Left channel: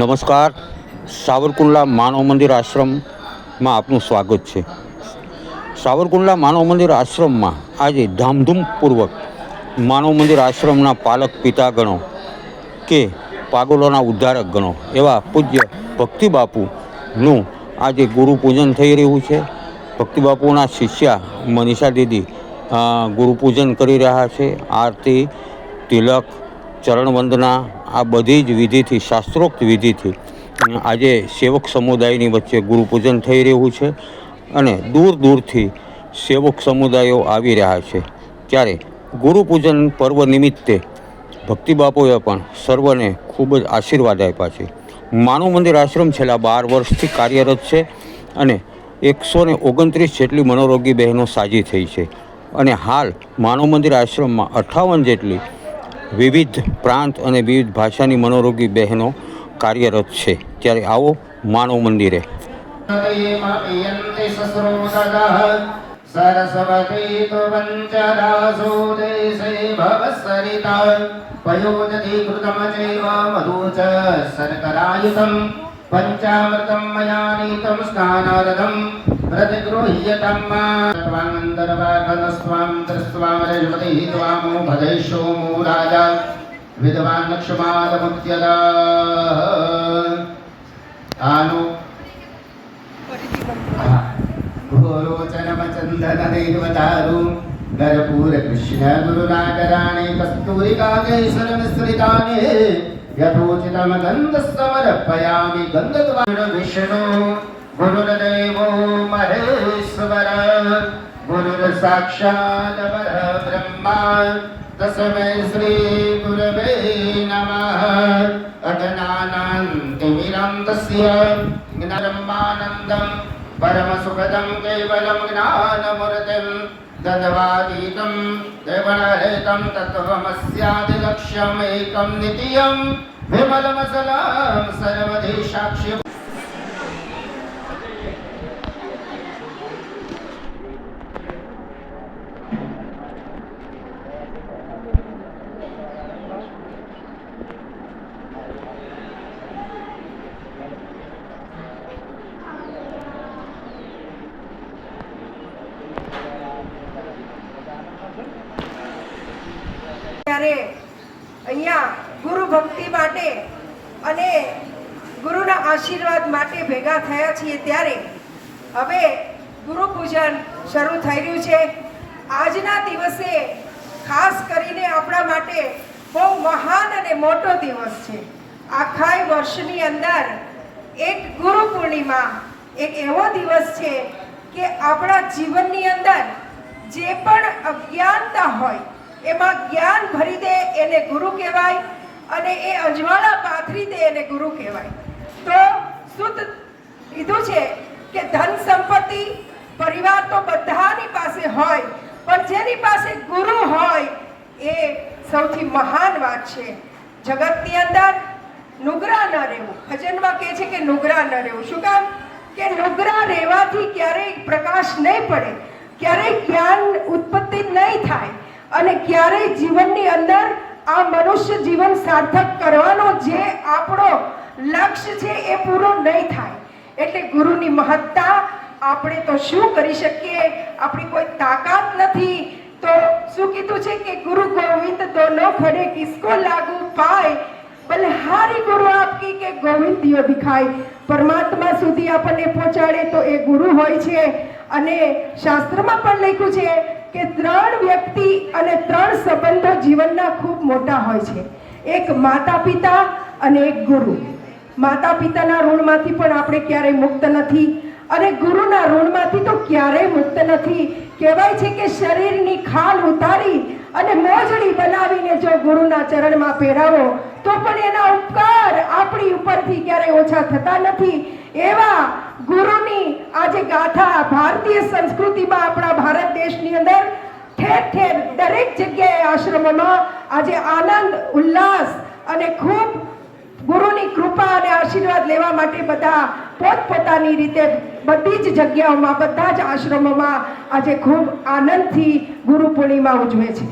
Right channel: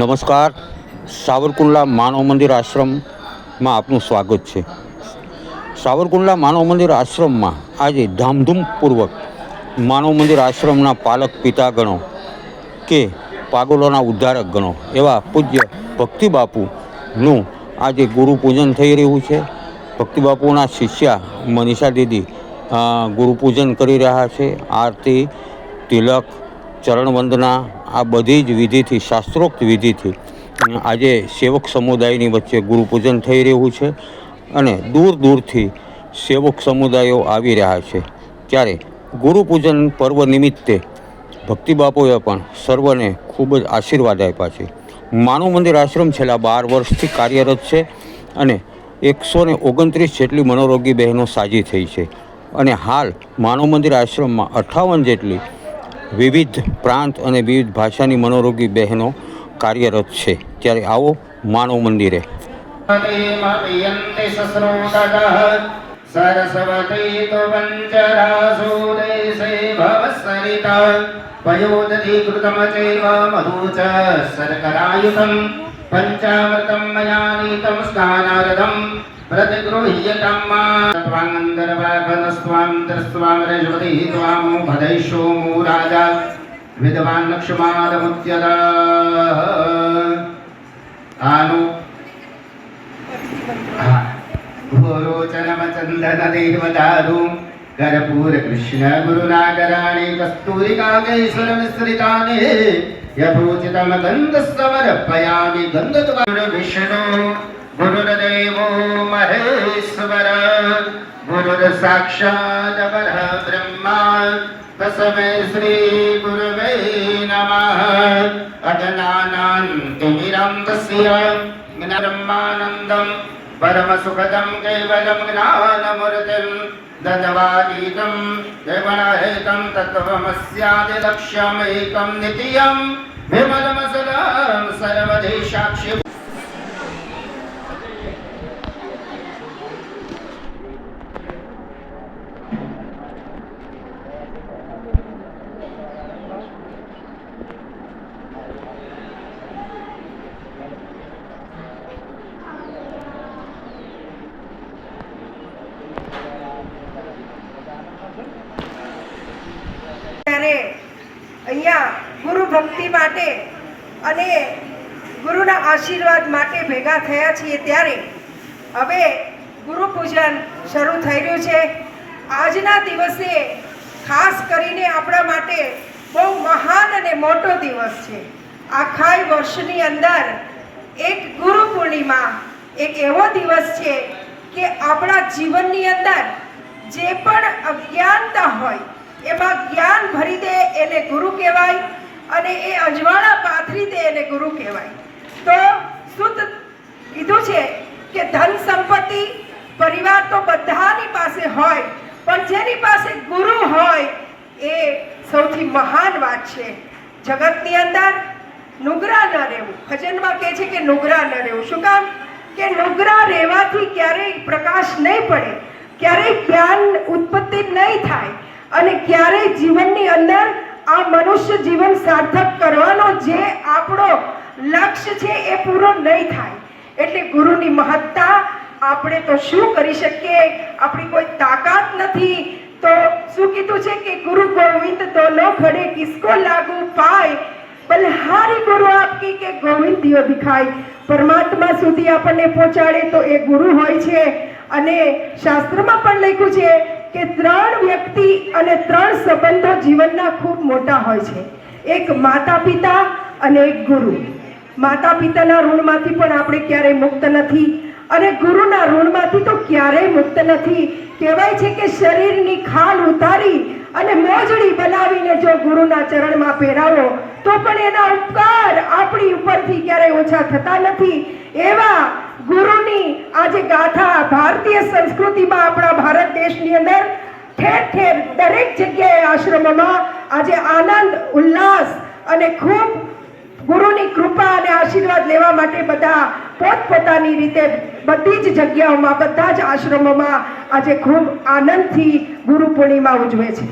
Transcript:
નમસ્કાર. સાવરકુંડલા માનવ મંદિર આશ્રમમાં આપનું સ્વાગત છે. સાવરકુંડલા માનવ મંદિર આશ્રમમાં આજે ધામધૂમપૂર્વક માનવ મંદિર આશ્રમના પાલક પિતાગણો કે પાગલોના ઉદ્ધારક ગણો એવા પૂજ્ય ભક્તિ બાપુનું આજે ગુરુ પૂજન થઈ રહ્યું છે. ભક્તિ બાપુના શિષ્યા મનીષા દીદી ગુરુ પૂજન કરી રહ્યા છે. આરતી, તિલક, ચરણ વંદના આ બધી જ વિધિથી, શાસ્ત્રોક્ત વિધિથી આજે સેવક સમુદાયની વચ્ચે ગુરુ પૂજન થઈ રહ્યું છે અને દૂર દૂરથી સેવક સમુદાયો આવી રહ્યા છે. ત્યારે ગુરુ પૂજન પર્વ નિમિત્તે ભક્તિ બાપુએ પણ સર્વને ખૂબ જ આશીર્વાદ આપ્યા છે. માનવ મંદિર આશ્રમ છેલ્લા 12 વર્ષથી કાર્યરત છે અને 129 જેટલી મનોરોગી બહેનો સાજી થઈ છે અને હાલ માનવ મંદિર આશ્રમમાં 58 જેટલી વિવિધ પ્રાંત અને વિવિધ ભાષાની મનોરોગી બહેનો કાર્યરત છે. ત્યારે આવો માનવ મંદિરે. पंचामृतं मया नीतं स्नानारदं प्रतिगृह्यतं त्वां दृष्ट्वां रजवती त्वामो भदैषो मूराजा विद्वान् लक्ष्मादमुद्यदा आनु घोरोचनमचन्दन देवदारु गरपूर कृष्ण गुरुनागराणि कस्तूरिका केसर मिश्रितानि यथोचितं गन्धस्वरपयामि गन्धद्वार विष्णु गुरुर्देवो महेश्वर गुरुर्साक्षात् परब्रह्म तस्मै श्री गुरवे नमः. अज्ञानान्तिमिरं तस्य ज्ञानब्रह्मानन्दं परमसुखदं केवलं ज्ञानमूर्तिं दद्वातीतं देवनहितं तत्त्वमस्यादिलक्ष्यमेकं नित्यं विमलमसलं सर्वधि साक्षि. અહીંયા ગુરુ ભક્તિ માટે અને ગુરુના આશીર્વાદ માટે ભેગા થયા છીએ ત્યારે હવે ગુરુ પૂજન શરૂ થઈ રહ્યું છે. આજના દિવસે ખાસ કરીને આપણા માટે બહુ મહાન અને મોટો દિવસ છે. આખા વર્ષની અંદર એક ગુરુ પૂર્ણિમા એક એવો દિવસ છે કે આપણા જીવનની અંદર જે પણ અજ્ઞાનતા હોય એમાં જ્ઞાન ભરી દે એને ગુરુ કહેવાય અને એ અજવાળા પાથરી દે એને ગુરુ કહેવાય. તો શુદ્ધ કીધું છે કે ધન સંપત્તિ પરિવાર તો બધાની પાસે હોય, પણ જેની પાસે ગુરુ હોય એ સૌથી મહાન વાત છે. જગતની અંદર નુગરા ન રહેવું, ભજનમાં કહે છે કે નુગરા ન રહેવું. શું કામ? કે નુગરા રહેવાથી ક્યારેય પ્રકાશ નહીં પડે, ક્યારેય જ્ઞાન ઉત્પત્તિ નહીં થાય અને ક્યારેય જીવનની અંદર આ મનુષ્ય જીવન સાર્થક કરવાનો જે આપણો લક્ષ્ય છે એ પૂરો નહીં થાય. એટલે ગુરુની મહત્તા આપણે તો શું કરી શકીએ, આપણી કોઈ તાકાત નથી. તો શું કીધું છે કે ગુરુ ગોવિંદ દોનો ખડે કિસકો લાગુ પાય, બલહારી ગુરુ આપકી કે ગોવિંદ દિયો દિખાય. પરમાત્મા સુધી આપણને પહોંચાડે તો એ ગુરુ હોય છે. અને શાસ્ત્રમાં પણ લખ્યું છે કે 3 વ્યક્તિ અને 3 સંબંધો જીવનના ખૂબ મોટા હોય છે. એક માતા પિતા અને એક ગુરુ. માતા પિતાના ઋણમાંથી પણ આપણે ક્યારેય મુક્ત નથી અને ગુરુના ઋણમાંથી તો ક્યારેય મુક્ત નથી. કહેવાય છે કે શરીરની ખાલ ઉતારી અને મોજડી બનાવીને જો ગુરુના ચરણમાં પહેરાવો તો પણ એના ઉપકાર આપણી ઉપરથી ક્યારેય ઓછા થતા નથી. એવા ગુરુની આજે ગાથા ભારતીય સંસ્કૃતિમાં આપણા ભારત દેશની અંદર ઠેર ઠેર દરેક જગ્યાએ આશ્રમોમાં આજે આનંદ ઉલ્લાસ અને ખૂબ ગુરુની કૃપા અને આશીર્વાદ લેવા માટે બધા પોતપોતાની રીતે બધી જ જગ્યાઓમાં બધા જ આશ્રમોમાં આજે ખૂબ આનંદથી ગુરુ પૂર્ણિમા ઉજવે છે.